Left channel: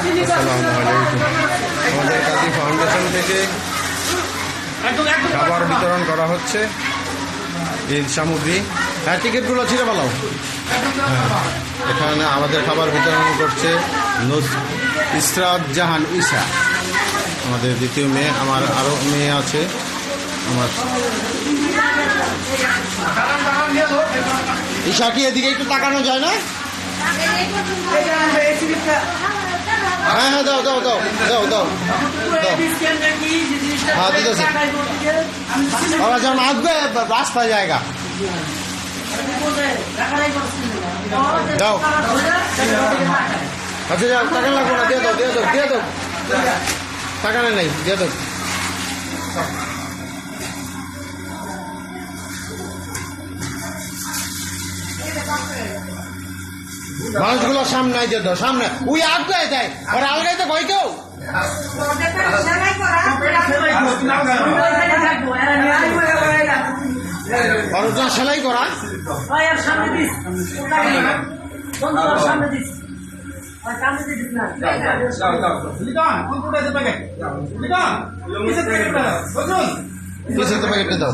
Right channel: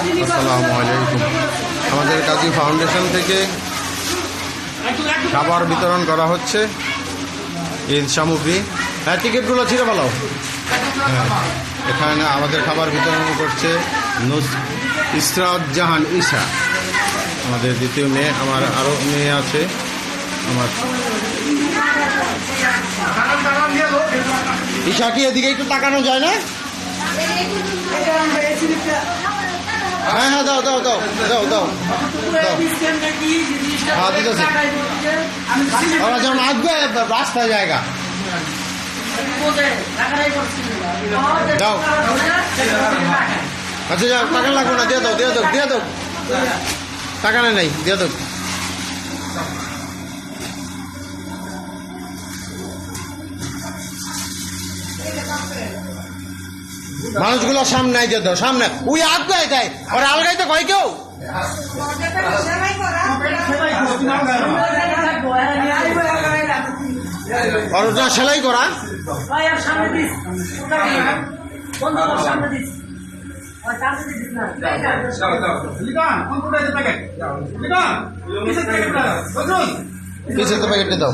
আসসালামু আলাইকুম। আমাদের কাজী ফাউন্ডেশন থেকে খাবার বিতরণ করা হচ্ছে, ঈদ সামগ্রী। হ্যাঁ, টিকিটগুলো ছিঁড়ে ফেলাও। হ্যাঁ, এখানে আমাদের খাবার বিতরণ করছে ইসরাত জাহান ঈশা, আমাদের দ্বিতীয় মেয়ে। আমার আরও মেয়ে আছে। আমার ঈশা কি এদিকে একটু তাকানো যায় না? হ্যাঁ হ্যাঁ, দাও দাও দাও দাও দাও দাও। হ্যাঁ, দিতেছে। ওরা যখন আসবে রাস্তায় জায়গা দাও। আচ্ছা যাও, টাকা লাগবে না, দিয়ে দাও দিয়ে দাও দিয়ে দাও। টাকা নেই, দিয়ে দাও। মানুষগুলো সামনে আইতে দাও, সামনে। ওই আসবে তাই ওরা আলগাইতে কয় কেউ অরজা সেলাই করা। পিছের তো প্যাকেটটা দাও।